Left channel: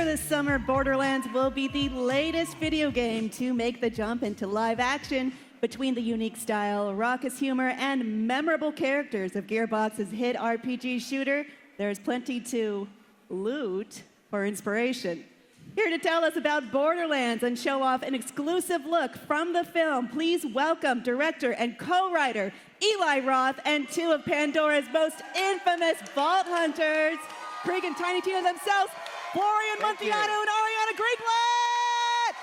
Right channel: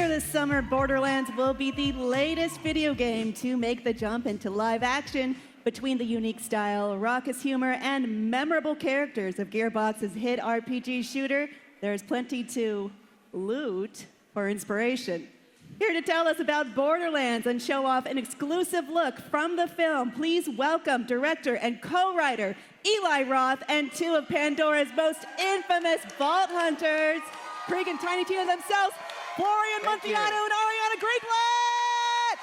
Later this summer, Borderlands will be the latest video game to make the jump into live action. Between the unique style, raucous humor, and memorable characters of Gearbox's hit RPG shooter, there's plenty to loot for inspiration. Here to tell us about Borderlands and show off an exclusive look from the film, please welcome director and co-writer Eli Roth and two of Pandora's most infamous vault hunters, Krieg and Tiny Tina themselves, Florian Munteanu and Ariana Greenblatt!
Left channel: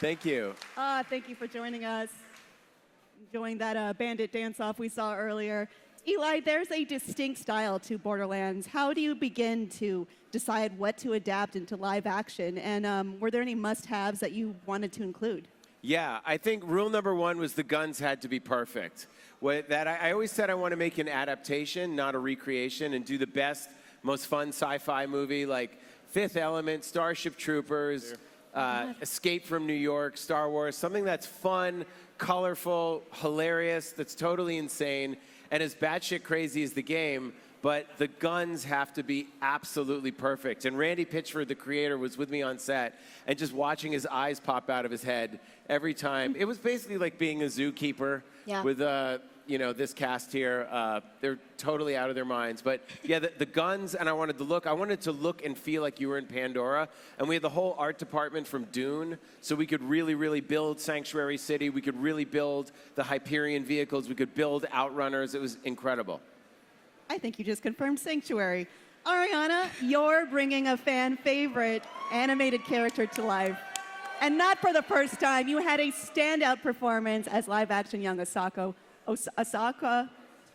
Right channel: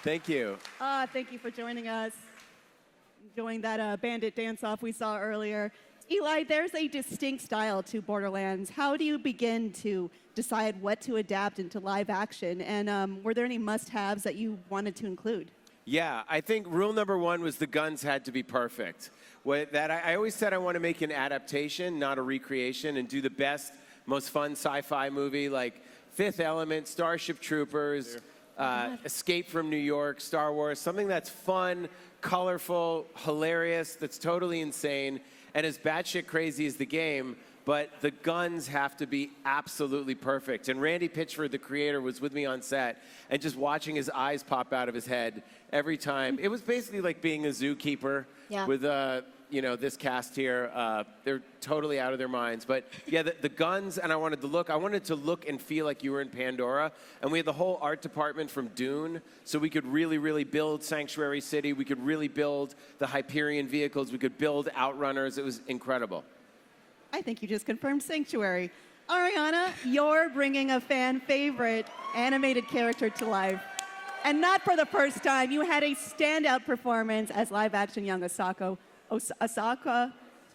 Thank you. Thank you for joining us. Enjoying that bandit dance-off we saw earlier. Eli, there's a distinct style to Borderlands. How do you begin to decide what to adapt into live action? And were there any must-haves that you wanted to include? Yeah, I think rule number one was the guns had to be perfect. I always said I want to make an adaptation, not a recreation, and do the best, most fun sci-fi movie like Fifth Element, Starship Troopers, Escape from New York, Star Wars, something that's fun, colorful, hilarious, that's totally insane, and as batshit crazy as the game, but the guns have to be absolutely perfect. And Randy Pitchford, the creator, was with me on set, and just watching his eyes pop out of his head every time. It was basically like being a zookeeper with this cast here. They're totally out of their minds. But yeah, the guns, and I wanted to look and feel like you were in Pandora. And we had the whole art department from Dune, so we could really, really build Sanctuary City. We could really build the Hyperion vehicles. We could build Outrunners. It was incredible. I think you just confirmed Sanctuary. Ariana, you're bringing a fan favorite animated character to life. And not for the first time, you had a standout performance as live-action young Asaka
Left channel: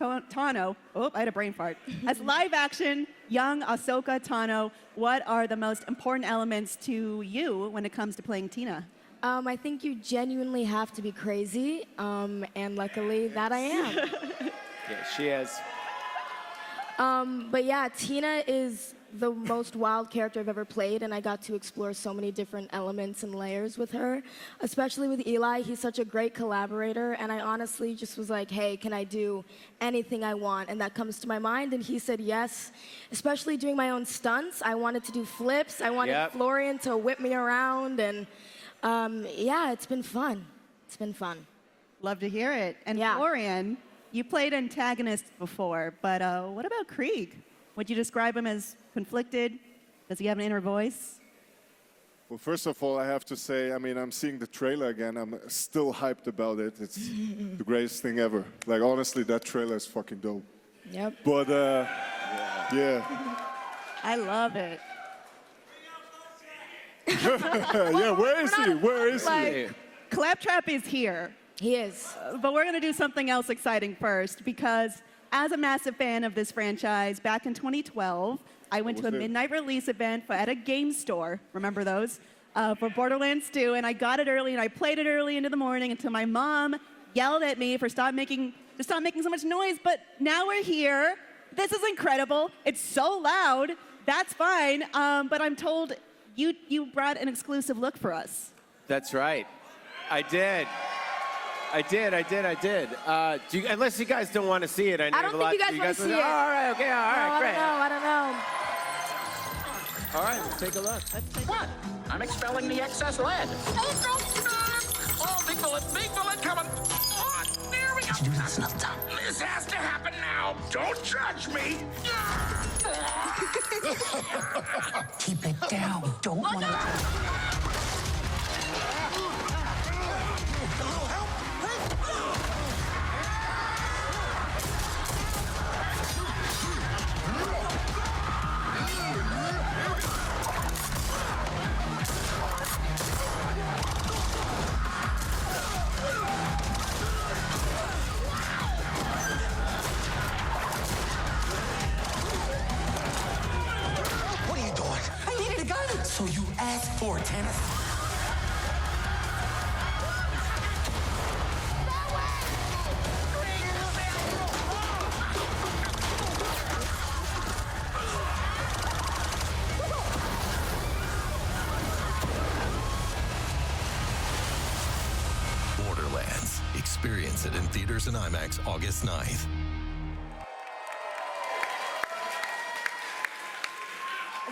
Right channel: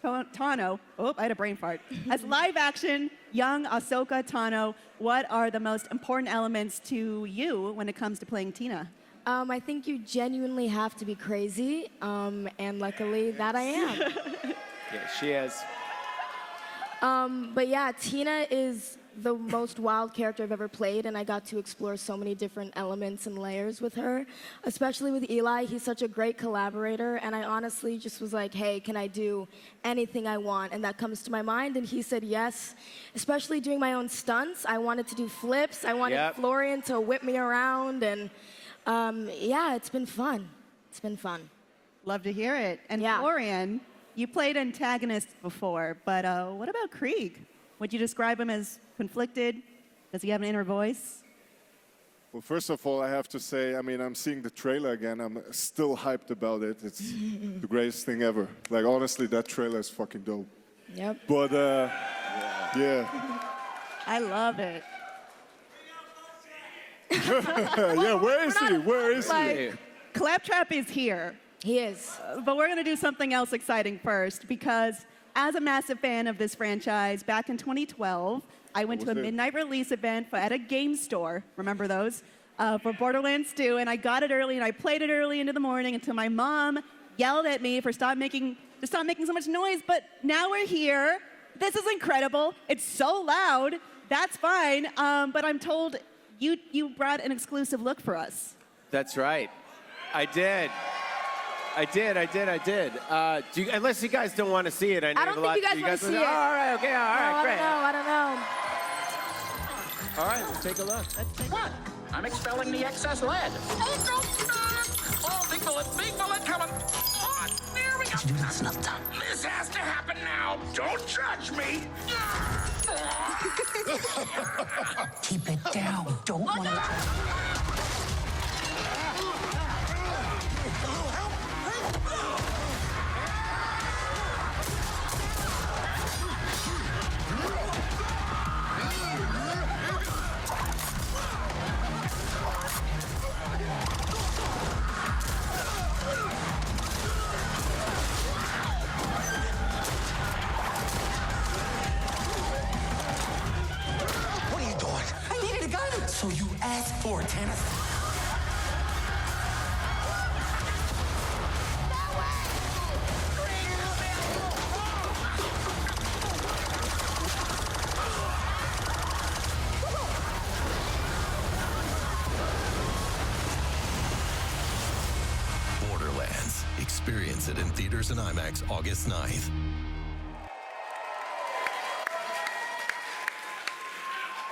Tano. Oh, I had a brain fart. As live-action young Ahsoka Tano, what are the most important elements to you when it comes to playing Tina? I think you genuinely have to be crazy, and luckily that I am. Yeah, she is. But yeah, Tina is the most wild character I've ever played, and I got to explore so many different elements and layers with her, especially with Eli. He's such a great collaborator, and I honestly just was like, hey, can I do anything I want? And that comes to my mind, and he said yes, especially doing my own stunts. I wanted to do flips. I wanted Florian to whip me around, and yeah, it's been fun. It's been fun. Love to hear it. And Florian, you played antagonists before, but what about Krieg? Would you describe him as conflicted? Does he have an inner voice? Well, first of all, I have to say, I'm seeing the trailer again. I'm still hyped about it. It's the greatest thing ever. Like, honestly, that trailer is fucking dope. Yep. But, yeah. I love it. Yeah, where is he? Claptrap is here. He is. But we're going to do something else exciting first, because as a massive fan of this franchise, back in 2012, I went to a midnight release event at a game store, remember those, for Borderlands 2, and I got it early, and I played it early into the morning until my mom yelled at me for stop making so much noise, but now we're here. This is incredible. It's so loud. That's fine, but I'm told you brought an exclusive look for us. That's right. I did. Unless you guys don't want to see it. I don't think you guys want to see it. All right, okay, all right, great. I don't know. All right, let's take a look. What? I'm expelling the excess lead. Oh, no! Oh, big bullet coming. Oh, there we go. This has to happen now. Don't judge me. Keep it down. Don't move. So you asked for it, huh? Borderlands. Experience it in theaters and IMAX August 9th.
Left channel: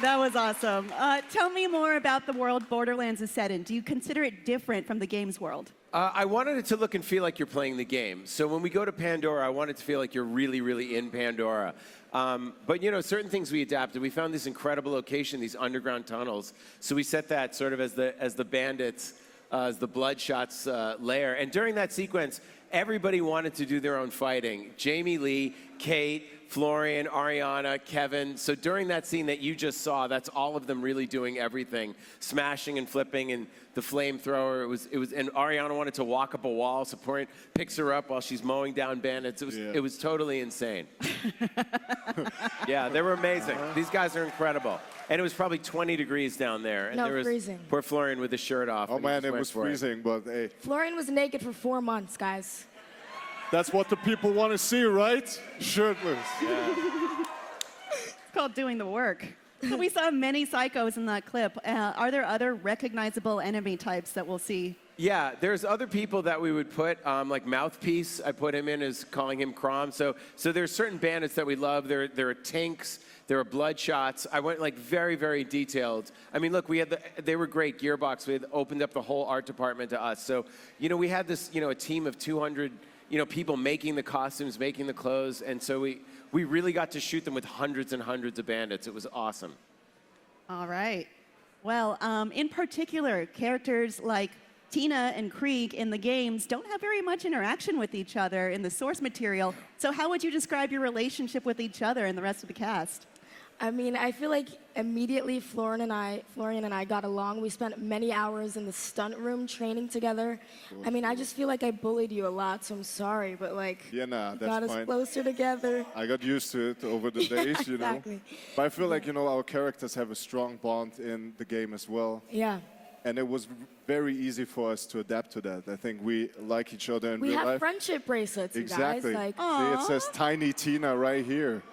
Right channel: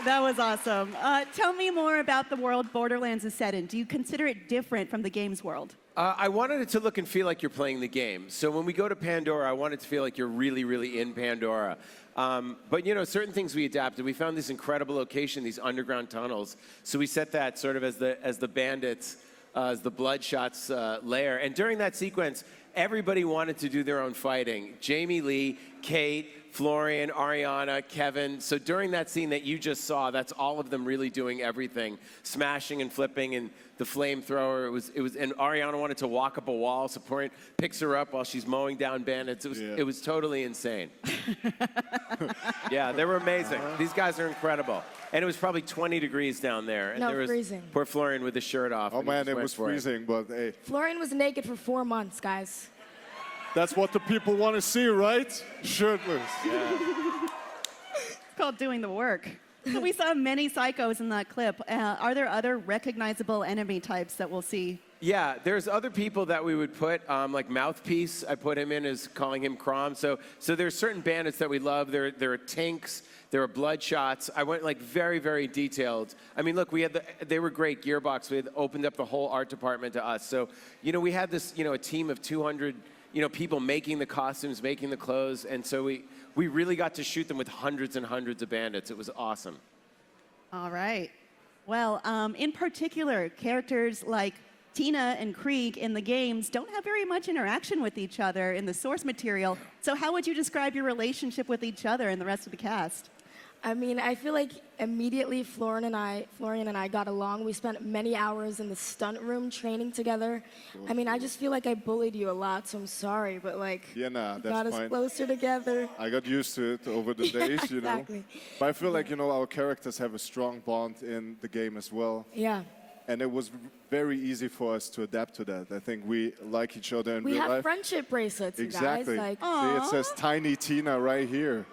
That was awesome. Tell me more about the world Borderlands is set in. Do you consider it different from the game's world? I wanted it to look and feel like you're playing the game. So when we go to Pandora, I wanted to feel like you're really, really in Pandora. But you know, certain things we adapted. We found this incredible location, these underground tunnels. So we set that sort of as the bandits, as the Bloodshots lair. And during that sequence, everybody wanted to do their own fighting. Jamie Lee, Kate, Florian, Ariana, Kevin. So during that scene that you just saw, that's all of them really doing everything, smashing and flipping, and the flamethrower. It was, and Ariana wanted to walk up a wall. So Florian picks her up while she's mowing down bandits. It was totally insane. Yeah, they were amazing. These guys are incredible. And it was probably 20 degrees down there. And No, there was freezing. poor Florian with his shirt off. Oh and he man, it went was for freezing, but hey, Florian was naked for 4 months, guys. that's what the people want to see, right? Shirtless. It's called doing the work. We saw many psychos in that clip. Are there other recognizable enemy types that we'll see? Yeah, there's other people that we would put, like Mouthpiece, I put him in as calling him Crom. So there's certain bandits that we love. There are Tinks, there are Bloodshots. I went like very, very detailed. I mean, look, they were great. Gearbox, we opened up the whole art department to us. So, you know, we had this, you know, a team of 200, you know, people making the costumes, making the clothes. And so we really got to shoot them with hundreds and hundreds of bandits. It was awesome. All right. Well, in particular, characters like Tina and Krieg in the games don't have very much interaction with each other in the source material. So how would you describe your relationship with each other and the rest of the cast? I mean, I feel like immediately Florian and I got along. We spent many hours in the stunt room training together. I mean, I just feel like I bullied you a lot, so I'm sorry, but like, Yeah, nah, got that's us fine. closer together. I got used to it over the days, you know. Exactly. But I feel like, you know, our characters have a strong bond in the game as well. Yeah. And it was very easy for us to adapt to that. I think we like each other in We real have life. friendship bracelets, you Exactly. guys. Like, See, it says Tiny Tina right here.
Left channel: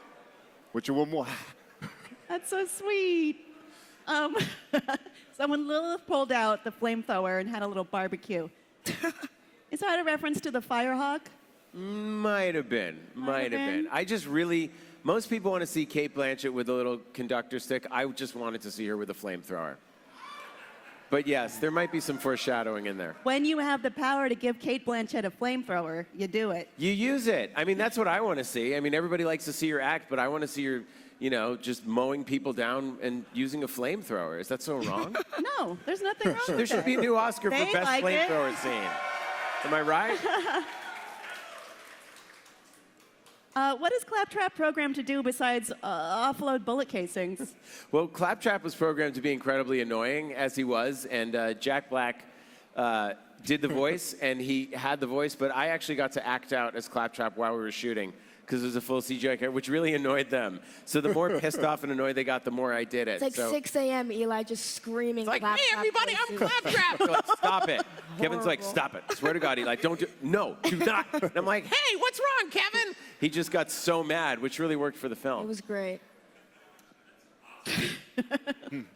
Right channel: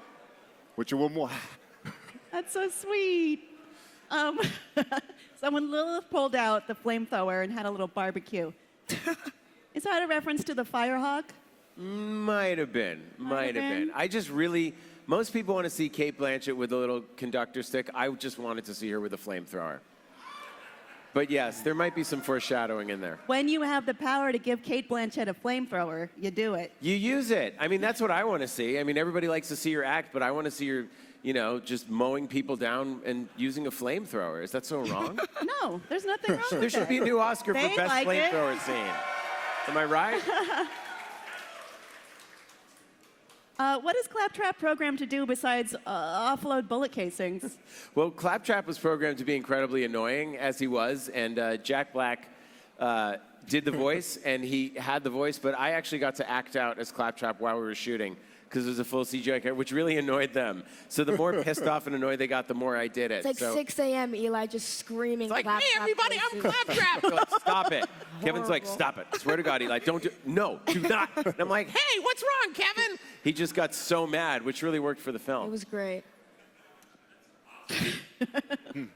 Which you want more? That's so sweet. So when Lilith pulled out the flamethrower and had a little barbecue, is that a reference to the Firehawk? Might have been. I just really, most people want to see Kate Blanchett with a little conductor stick. I just wanted to see her with a flamethrower. But yes, there might be some foreshadowing in there. When you have the power to give Kate Blanchett a flamethrower, you do it. You use it. I mean, that's what I want to see. I mean, everybody likes to see her act, but I want to see her, you know, just mowing people down and using a flamethrower. Is that so wrong? No, there's nothing wrong There with should be a it. new Oscar for They Best like it. Flamethrower Scene. Am I right? What is Claptrap programmed to do besides offload bullet casings? Well, Claptrap was programmed to be incredibly annoying, as he was, and Jack Black did the voice, and he had the voice, but I actually got to act out as Claptrap while we were shooting, because it was a full CGI character, which really annoyed them. So the more pissed off and annoyed they got, the more I did it. it's like So, 6 a.m. Eli just screaming. like, Claptrap "Hey, everybody, I'm voices. Claptrap!" Like, stop it. Kevin's like, stop it. Swear to God, Eli, don't do no, do not. And I'm like, hey, what's wrong, Kevin? He just got so mad, which really worked for the It film. was great.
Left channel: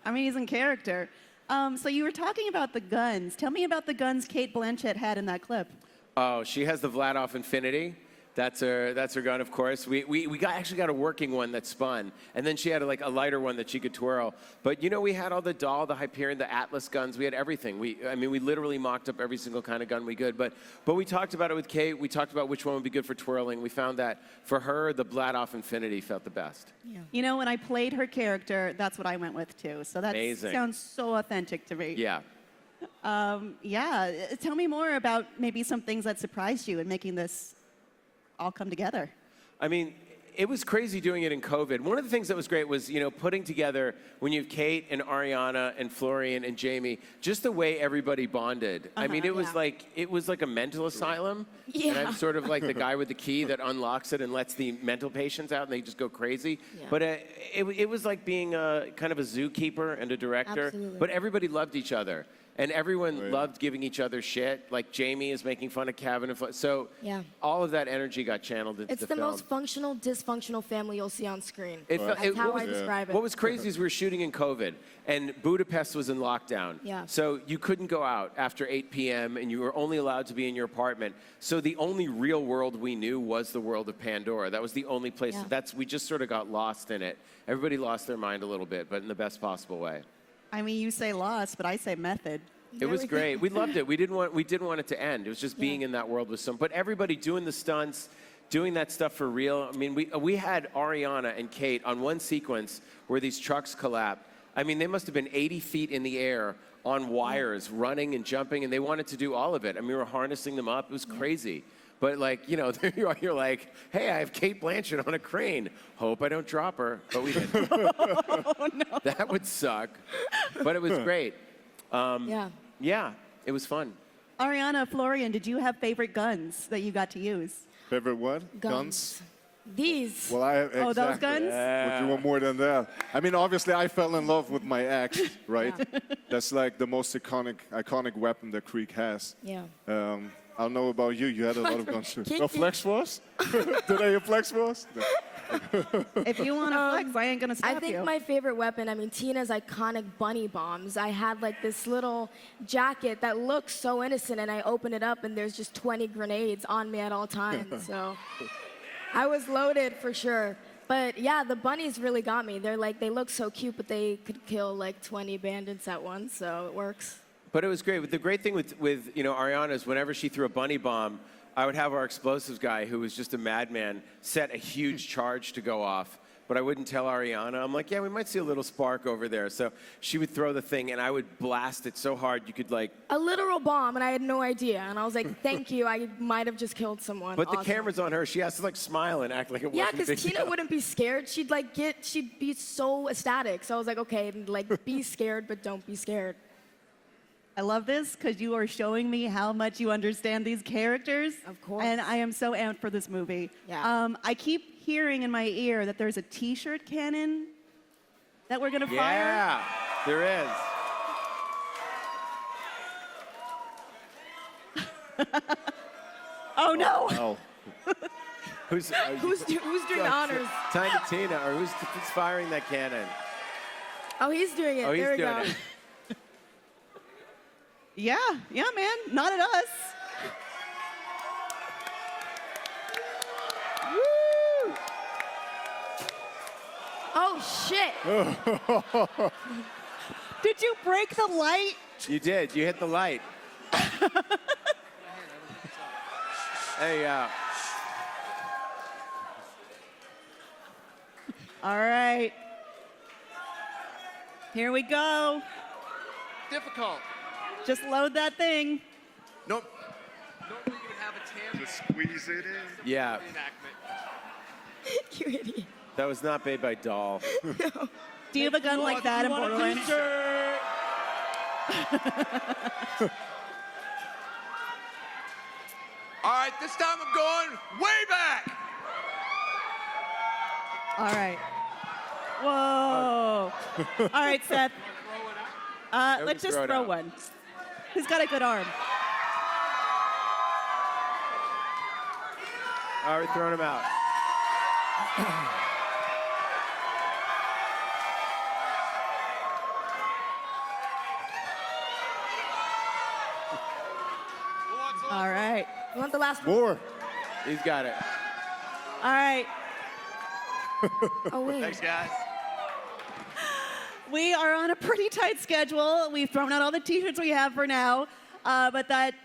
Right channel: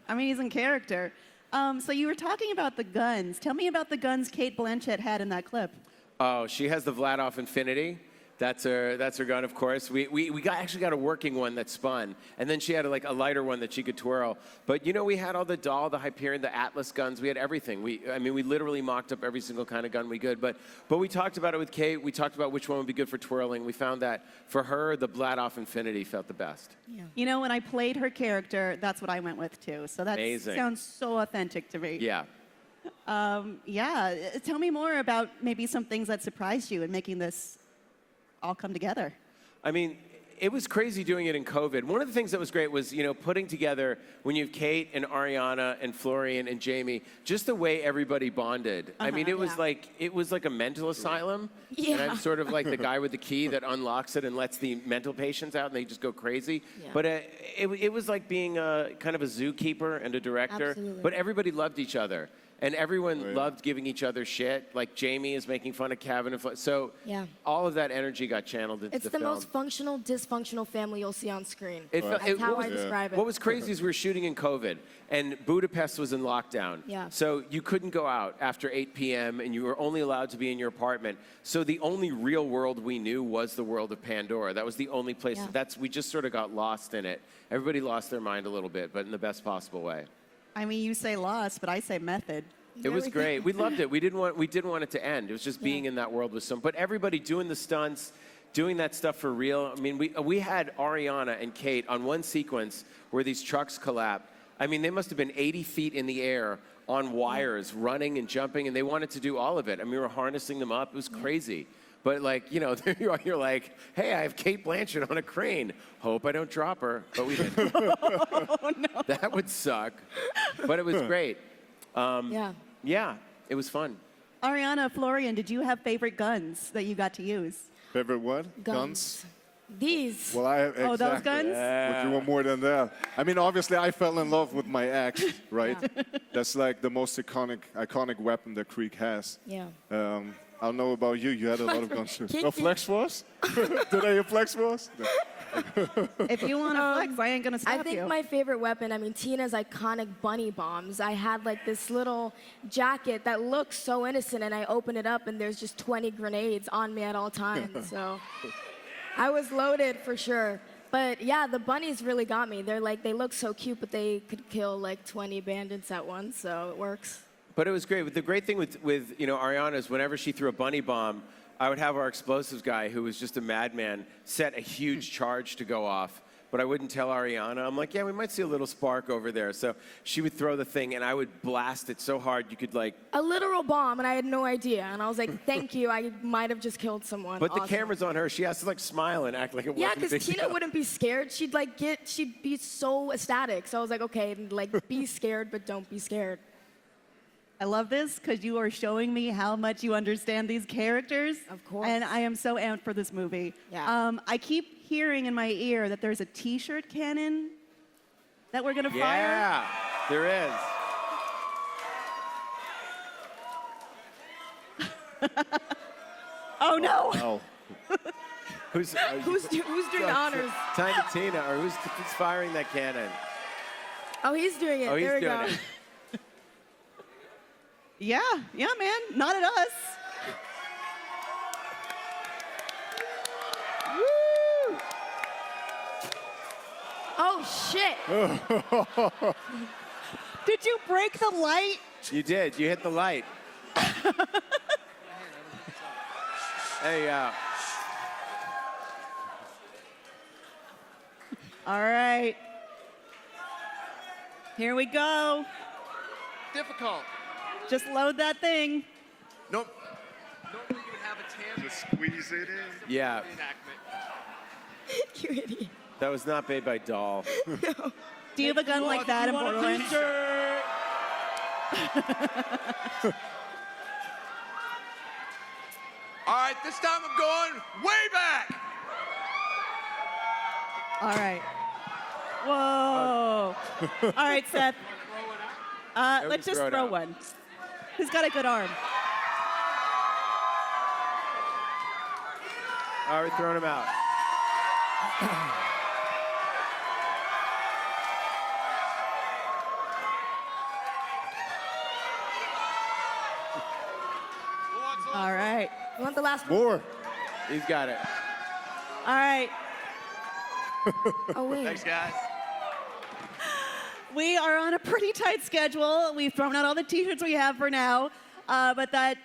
Amazing character. So you were talking about the guns. Tell me about the guns Kate Blanchett had in that clip. Oh, she has the Vladoff Infinity. That's her gun, of course. We actually got a working one that spun, and then she had like a lighter one that she could twirl. But you know, we had all the Dahl, the Hyperion, the Atlas guns. We had everything. I mean, we literally mocked up every single kind of gun we could. But we talked about it with Kate. We talked about which one would be good for twirling. We found that for her, the Vladoff Infinity felt the best. You know, when I played her character, that's what I went with too. So that Amazing. sounds so authentic to me. Yeah. Tell me more about maybe some things that surprised you in making this all come together. I mean, it was crazy doing it in COVID. One of the things that was great was, you know, putting together, when you have Kate and Ariana and Florian and Jamie, just the way everybody bonded. I mean, it was like a mental asylum. Yeah. And I'm sort of like the guy with the key that unlocks it and lets the mental patients out and they just go crazy. Yeah. But it was like being a kind of a zookeeper and a director. Absolutely. But everybody loved each other. And everyone loved giving each other shit. Like Jamie is making fun of Cabin and so Yeah. all of that energy got channeled into It's the the film. most functional, dysfunctional family you'll see on screen. It How was- I describe it. What was crazy is we were shooting in COVID, and Budapest was in lockdown. Yeah. So you couldn't go out after 8 p.m., and you were only allowed to be in your apartment. So the only real world we knew was the world of Pandora. That was the only place. Yeah. We just sort of got lost in it. Everybody lost their mind a little bit, but in the best possible way. I mean, you say lost, but I say method. It was great. We loved it. We didn't want it to end. It was just being in that world with some. But everybody doing the stunts, doing that stuff for real. I mean, we had Ariana and Kate on one sequence where these trucks collapse. I mean, they must have been 80 feet in the air on wires, running and jumping, and they wanted to do all of it. I mean, we were harnessing them up. It was crazy. But like, you know, there you are. You're like, hey, I have Kate Blanchett on a crane. Hope I don't drop her. But we didn't. Oh, no. That would suck. But it was great. Yeah. Yeah, it was fun. Ariana, Florian, did you have favorite guns that you got to use? Favorite what? Guns. These. Well, I have Oh, those exactly. guns? But you want more than that. I mean, obviously, I fell in love with my axe, right? That's like the most iconic weapon that Krieg has. Yeah. I don't know about you. You had a lot of guns too. No flex force? Did they have flex force? No. If you want to flex, I ain't gonna stop I think you. my favorite weapon, I mean, Tina's iconic bunny bombs. I had like this little jacket that looks so innocent, and I open it up, and there's just 20 grenades on me at all times. So I was loaded for sure. But yeah, the bunnies really got me. They look so cute, but they could kill like 20 bandits at once, so it works. But it was great. The great thing with Ariana is whenever she threw a bunny bomb, I would have our explosives guy, who was just a madman, set a huge charge to go off. But I wouldn't tell Ariana. I'm like, yeah, we might see a little spark over there. So she would throw the thing, and I would blast it so hard you could like. A literal bomb, and I had no idea. And I was like, thank you, I might have just killed someone. But the Awesome. camera's on her. She has to like smile and act like it Yeah, wasn't a because big Tina deal. wouldn't be scared. She'd be so ecstatic. So I was like, okay, like be scared, but don't be scared. I love this because you are showing me how much you understand these characters. Of course. And I am so amped for this movie. Yeah. I keep hearing in my ear that there's a T-shirt cannon that we're gonna fire. Yeah, there is. Oh no! No. Who's Who's doing honors? Tiny Tina, or who's firing that cannon? Oh, he's doing it. Oh, he's there we doing go. it. Yeah, man, not us. Woo! Oh shit! Did you break the light? You did. You hit the light. There you go. All right. Here we go. Difficult. Just load that thing. Nope. Nobody would have a chance. Just squeeze it in. Yeah, You idiot. that was not made by Doll. Do you have a gun like that in Borderlands? All right, this time I'm going way back. All right. Whoa. All right, Seth. Let's just throw it throw out. one. Who's got a good arm? All right, throw him out. All right. You want the last one? More. He's got it. All right. Oh wait. Thanks, guys. We are on a pretty tight schedule. We've thrown out all the t-shirts we have for now, but that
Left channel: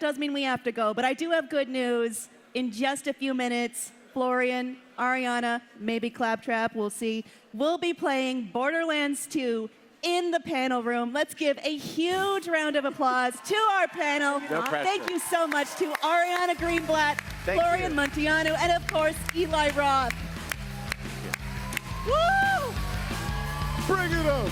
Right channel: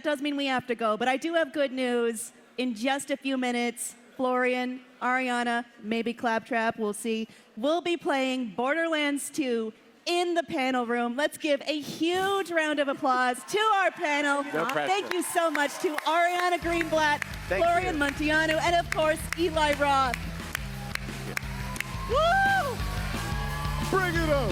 does mean we have to go. But I do have good news. In just a few minutes, Florian, Ariana, maybe Claptrap, we'll see, will be playing Borderlands 2 in the panel room. Let's give a huge round of applause to our panel. No pressure. Thank you so much to Ariana Greenblatt, Thank Florian you. Munteanu, and of course, Eli Roth. Woo! Bring it up.